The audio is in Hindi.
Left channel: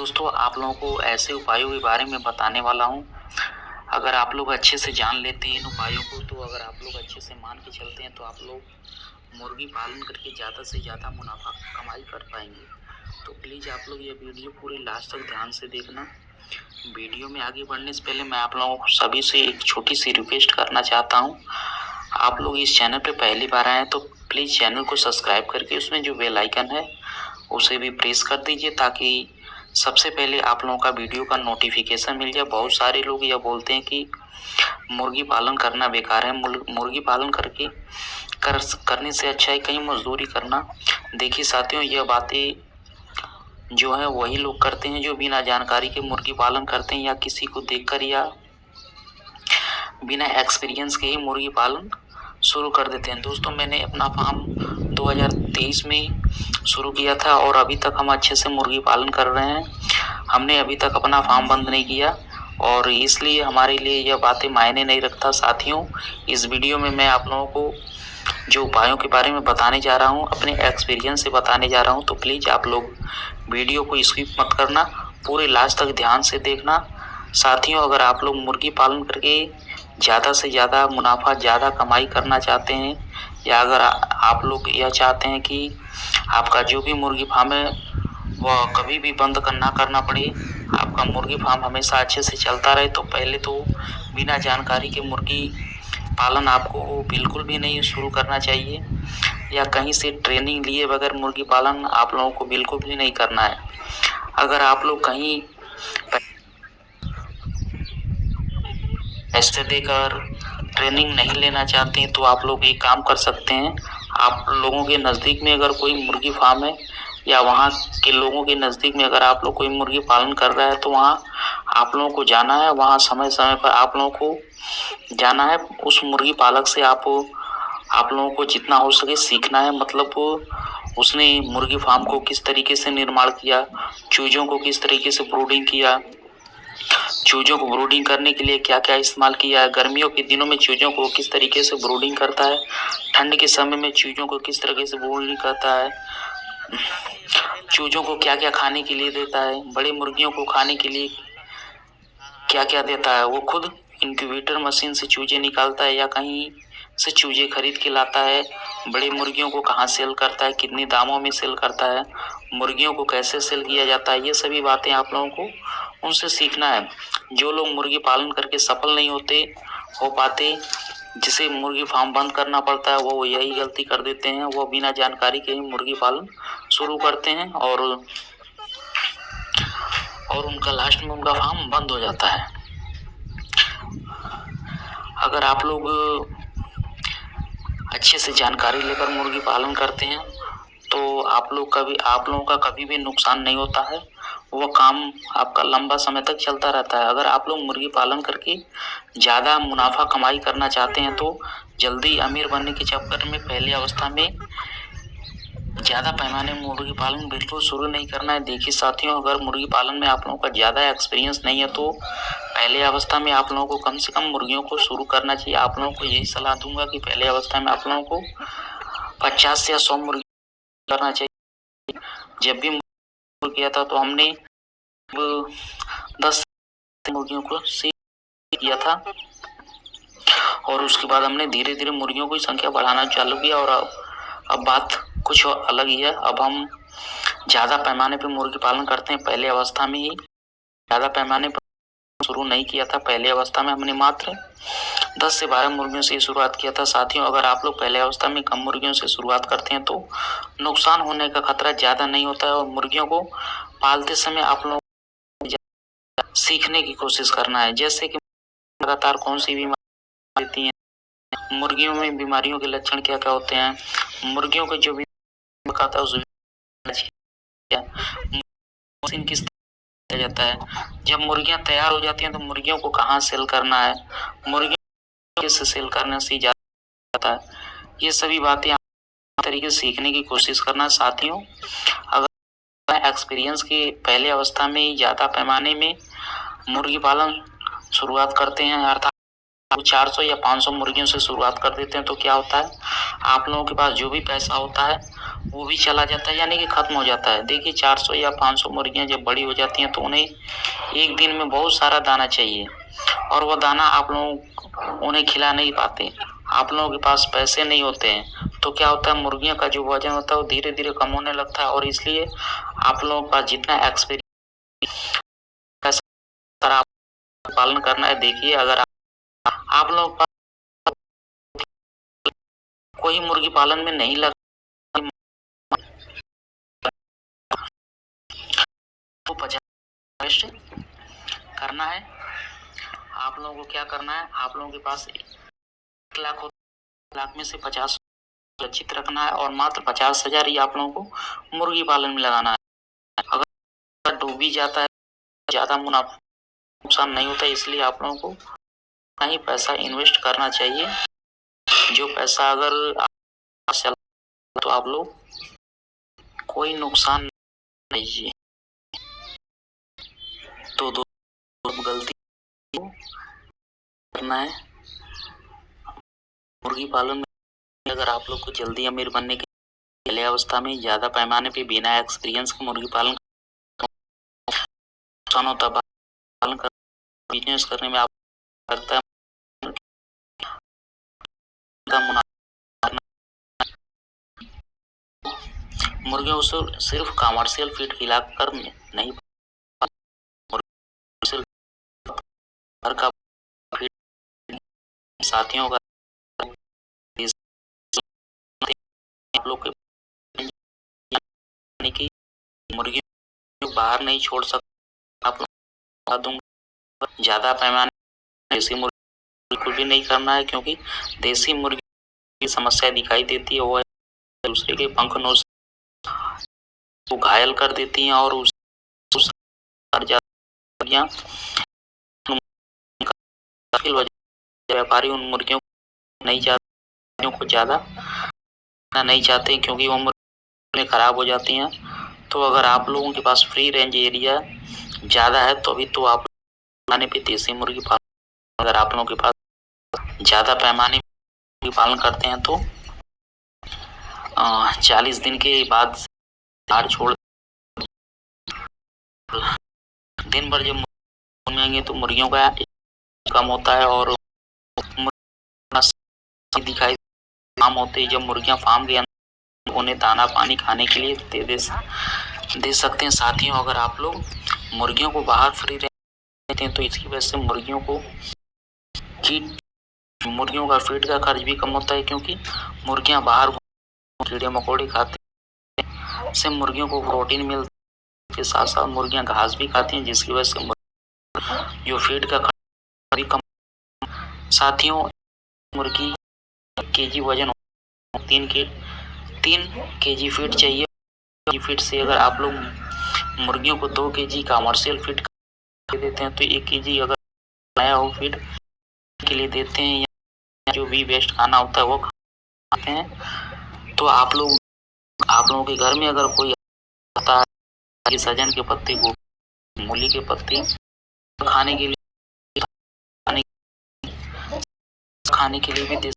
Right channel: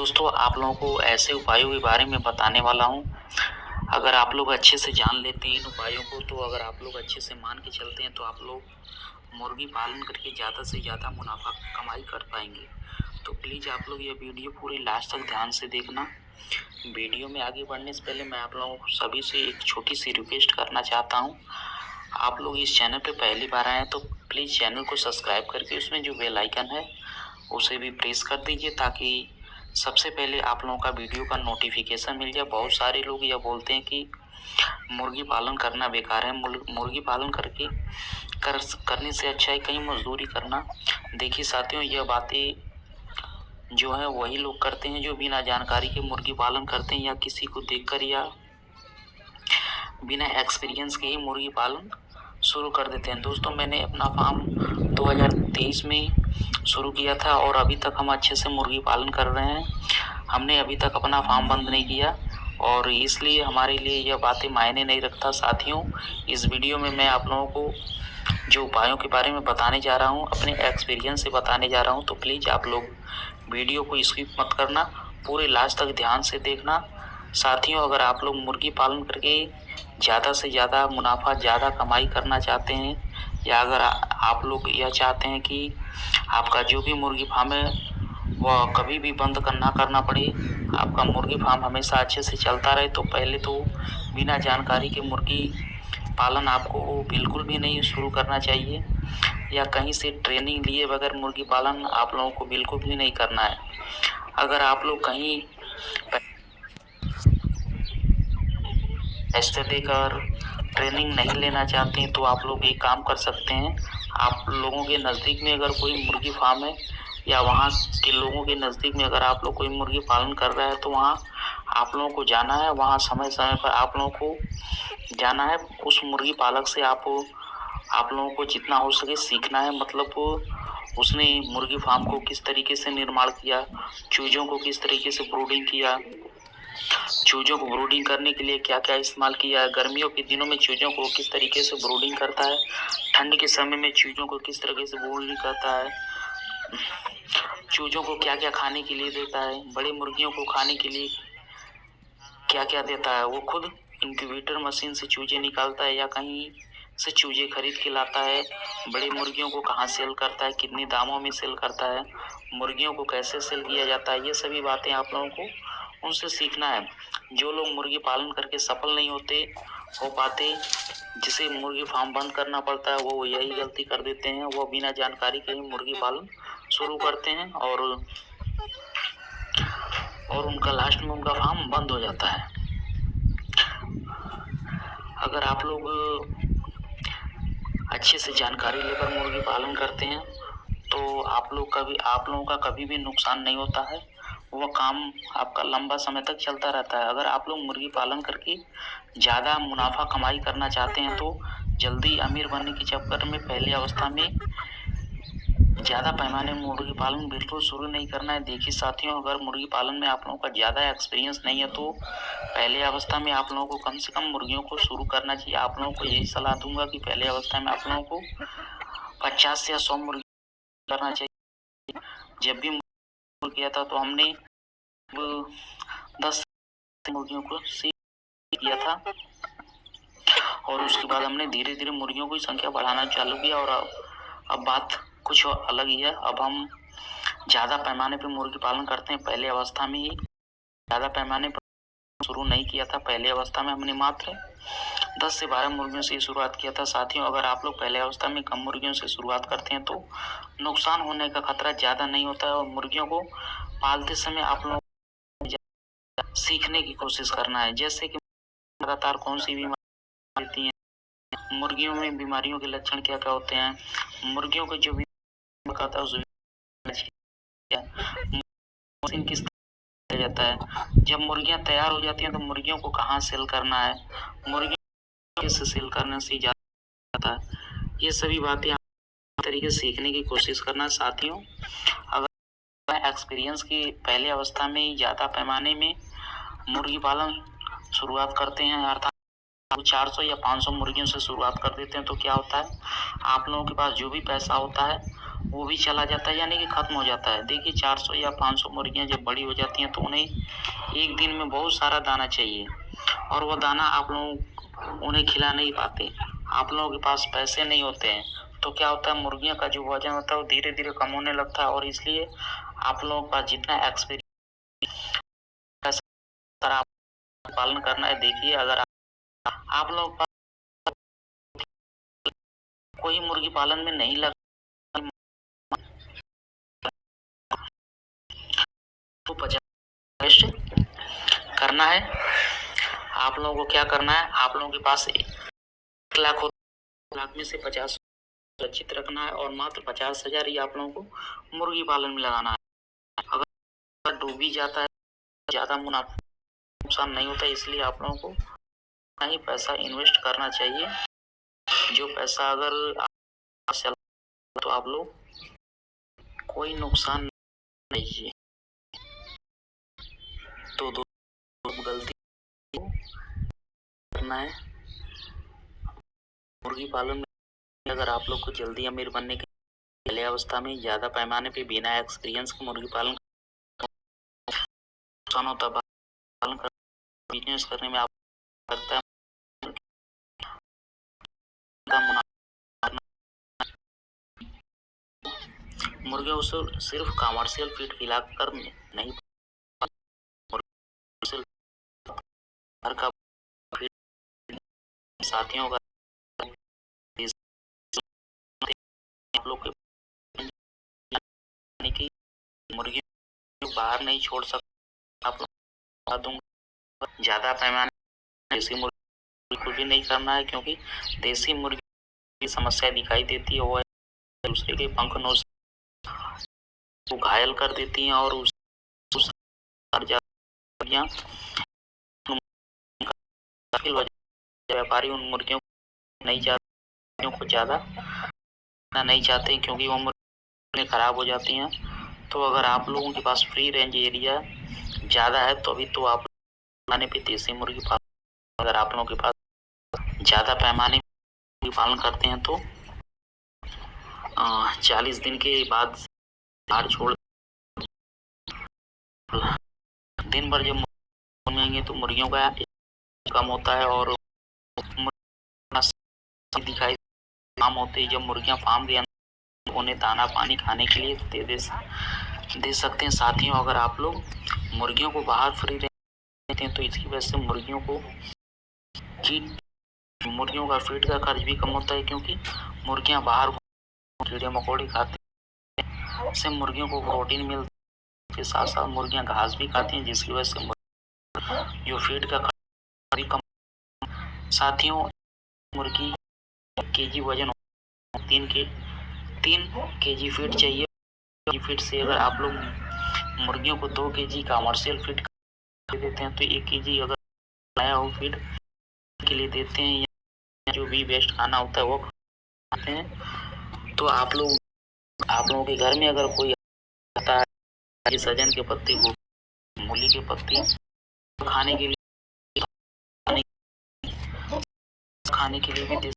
दोस्तों आप लोगों को ऐसे उपायों के बारे में बताने वाला हूँ। अगर आप लोग अच्छे से जान लेते हैं इन उपायों को, तो अगर आप लोग अच्छे से मान के चलते हैं तो आप लोग मुर्गी पालन करके ज़्यादा से ज़्यादा मुनाफा कमाई कर पाएंगे। तो प्लीज़ आप लोग ये वीडियो पूरे लास्ट तक ध्यान से देखना। वीडियो में आगे बढ़ने से पहले मैं आप लोगों को सभी से एक छोटी सी रिक्वेस्ट करना चाहता हूँ। आप लोग इस चैनल पर पहली बार आए हैं तो प्लीज़ चैनल को सब्सक्राइब करके उसमें जो बेल आइकन है उसे भी प्रेस कर दीजिए, ताकि सबसे पहले आप लोगों का वीडियो का नोटिफिकेशन मिल जाए। बहुत सारे लोग यह बोलते हैं कि मुर्गी पालन करना बेकार है, मुर्गी पालन करने से अच्छा है कहीं मजदूरी करना। देखिए साथियों, यह बातें जो है वही लोग करते हैं जो बिना जानकारी के मुर्गी पालन करते हैं, या किसी को देखकर या बिना एक्सपीरियंस के ही मुर्गी पालन शुरू कर देते हैं। दोस्तों मैंने अपना फार्म 2023 में शुरू किया था और अभी तक हम अच्छे से मुर्गी पालन कर रहे हैं। हमने अभी तक अपना फार्म बंद नहीं किया और इसलिए हमारे लिए यह बातें मायने नहीं रखता। साथियों, इस वीडियो में मैं आप लोगों को जो उपायों के बारे में बताने जा रहा हूँ, अपने एक्सपीरियंस से बताने जा रहा हूँ। तो प्लीज़ आप लोग वीडियो को स्किप मत करना, पूरे लास्ट तक ध्यान से देखना। साथियों, अगर आप लोग मुर्गी पालन करके ज़्यादा से ज़्यादा मुनाफा, ज़्यादा कमाई करना चाहते हैं, या अगर आप लोग यह चाहते हैं कि आपका जो भी मुर्गी फार्म है वह कभी भी बंद ना करना पड़े, आपका मुर्गी फार्म हमेशा अच्छे से चलता रहे, तो पहले तो बिना जानकारी के मुर्गी पालन आपको बिल्कुल भी नहीं शुरू करना चाहिए, या कहीं से ट्रेनिंग लिए बगैर मुर्गी पालन आप लोगों को बिल्कुल भी नहीं करना है। अगर आप लोग कहीं पैसे देकर ट्रेनिंग नहीं लेना चाहते हैं तो आप लोग एक काम कर सकते हैं। आप लोगों के नज़दीक में अगर कोई मुर्गी फार्म है, या वहाँ के लोगों के नज़दीक में अगर आप लोग कोई मुर्गी पालन कर रहा है, तो वहाँ आप लोगों को जाना है। वहाँ समय समय पर आप लोगों को जाना है। उस मुर्गी पालक से आप लोगों को जितना हो सके सीखना है। मतलब उसने मुर्गी फार्म को किस तरीके से निर्माण किया, चूज़ों को किस तरीके से ब्रूडिंग किया, चूजों को ब्रूडिंग करने के लिए क्या क्या इस्तेमाल किया है, गर्मियों के दिनों में चूजों को किस तरीके से ब्रूडिंग करता है, ठंड के समय में चूजों को किस तरीके से ब्रूडिंग करता है, चूजों को क्या क्या खाने के लिए देता है, बड़ी मुर्गियों को खाने के लिए क्या क्या देता है। वो खुद इंक्यूबेटर मशीन से चूजे निकालता है या कहीं से चूजे खरीद के लाता है, बड़ी मुर्गियों को कहाँ सेल करता है, कितने दामों में सेल करता है, मुर्गियों को कैसे सेल किया जाता है, ये सभी बातें आप लोगों को उनसे सीखना है। जो लोग मुर्गी पालन करके सफल नहीं हो पाते, जिसे मुर्गी फार्म बंद करना पड़ता है, वो यही गलती कर देते हैं। वो बिना जानकारी के ही मुर्गी पालन शुरू करते हैं और उनका लास्ट में उनका फार्म बंद हो जाता है। अगर आप लोग अच्छे से जानकारी लेकर मुर्गी पालन करते हैं तो आप लोगों का कभी भी नुकसान नहीं होता है। वह काम आपका लंबा समय तक चलता रहता है। अगर आप लोग मुर्गी पालन करके ज़्यादा मुनाफा कमाई करना चाहते हैं तो जल्दी अमीर बनने के चक्कर में पहली अवस्था में ज़्यादा पैमाने में मुर्गी पालन बिल्कुल शुरू नहीं करना है। देखिए साथियों, अगर मुर्गी पालन में आप लोगों का ज़्यादा एक्सपीरियंस नहीं है तो पहले अवस्था में आप लोगों को कम से कम मुर्गियों को शुरू करना चाहिए। आप लोगों को यही सलाह दूंगा कि पहले अवस्था में आप लोगों को 50 या 100 मुर्गी करना चाहिए। जब भी मुर्गी किया था तो हमने 10 मुर्गियों को सीख किया था और उसके बाद हमने धीरे धीरे मुर्गियों की संख्या बढ़ाना चालू किया। और अब बात कुछ अलग ही है। अब हम ज़्यादा पैमाने पर मुर्गी पालन करते हैं। पहले अवस्था में ही ज़्यादा पैमाने पर शुरू नहीं किया था। पहले अवस्था में हमने मात्र 10 से 12 मुर्गियों से शुरुआत किया था। साथियों, अगर आप लोग पहले अवस्था में कम मुर्गियों से शुरुआत करते हैं तो नुकसान होने का खतरा ज़्यादा नहीं होता है। और मुर्गियों को पालते समय आप लोगों को सीखने की कोशिश करना है, जैसे कि लगातार कौन सी बीमारी देती हैं, मुर्गियों में बीमारियों के लक्षण क्या क्या होते हैं, मुर्गियों को जो भी खाता है उस मशीन किस तरह जाता है, जब मुर्गियां तैयार हो जाती हैं तो मुर्गियों को कहाँ सेल करना है, मुर्गियों किस सेल करने से जाता है, ये सभी बातें तरीके से सीखने की कोशिश करना। साथियों, अगर एक्सपीरियंस की पहले अवस्था में ज़्यादा पैमाने में मुर्गी पालन शुरुआत करते हैं, अर्थात आप 400 या 500 मुर्गियों से शुरुआत कर देते हैं तो क्या होता है, आप लोगों के पास जो भी पैसा होता है वो भी चला जाता है, यानी कि खत्म हो जाता है। देखिए 400 या 500 मुर्गियां जब बड़ी हो जाती हैं तो उन्हें एक दिन में बहुत सारा दाना चाहिए और वो दाना आप लोग उन्हें खिला नहीं पाते, आप लोगों के पास पैसे नहीं होते हैं, तो क्या होता है मुर्गियों का जो वजन होता है वो धीरे धीरे कम होने लगता है। और इसलिए आप लोगों के पास जितना एक्सपीरियंस आप पालन करना है, देखिए अगर आप लोग कोई मुर्गी पालन में नहीं लगा तो 50 करना है। आप लोगों को क्या करना है, आप लोगों के पास 1 लाख में से 50 सुरक्षित रखना है और मात्र 50,000 ही आप लोगों को मुर्गी पालन में लगाना है। अगर डूब भी जाता है ज्यादा मुनाफा नुकसान नहीं होता, इसलिए आप लोगों को नहीं पैसा इन्वेस्ट करना चाहिए। जो पैसा अगर तो आप लोग कोई नुकसान नहीं है। तो गलती करना है मुर्गी पालन में, अगर आप लोग को जल्दी अमीर बनने के पहले अवस्था में ज्यादा पैमाने पे बिना एक्सपीरियंस के मुर्गी पालन नुकसान होता पालन कर बिजनेस करने में आप करता है मुर्गियों को सिर्फ कमर्शियल फीड खिलाकर नहीं, घर का साथियों का आप लोग की मुर्गियों बाहर नहीं छोड़ सकते। आप लोग दूंगा ज्यादा पैमाने देसी मुर्गी बिल्कुल भी नहीं करना है, क्योंकि देसी मुर्गी की समस्या दिखाई देती है, वो है दूसरे के पंख नोच को घायल कर देती हैं और उस व्यापारी उन मुर्गियों नहीं ज्यादा नहीं चाहते क्योंकि वो मुर्गियां खराब हो जाती हैं। तो अगर आप लोगों के पास फ्री रेंज एरिया ज्यादा है तो अभी तो आप पैमाने पे देसी मुर्गी पालन, अगर आप लोगों के पास ज्यादा पैमाने मुर्गी पालन करते हैं तो 40 दिन के बाद बाहर छोड़ दिन भर जब मुर्गियां तो मुर्गियों का कम होता है और दिखाई काम होते हैं। जब मुर्गियां फार्म के अंदर उन्हें दाना पानी खाने के लिए दे सकते हैं। साथियों अगर आप लोग मुर्गियों को बाहर फ्री देते हैं तो इसकी वजह से मुर्गियों का फीड का खर्च भी कम होता है, क्योंकि मुर्गियां बाहर कीड़े मकोड़े खाती हैं, इससे मुर्गियों को प्रोटीन मिलता है, साथ साथ मुर्गियां घास भी खाती हैं, जिसकी वजह से जो फीड का खर्च भी कम। साथियों मुर्गी केजी वजन 3 केजी फीड चाहिए। फीड से अगर आप लोग मुर्गियों को 2 केजी कमर्शियल फीड देते हैं तो 1 केजी अगर नया हो फीड के लिए देते हैं, या जो भी वेस्ट खाना होता है वो खाते हैं। तो आप लोगों के घर में अगर कोई आता है सजन के पत्ते को मूली के पत्ते खाने के लिए भी दे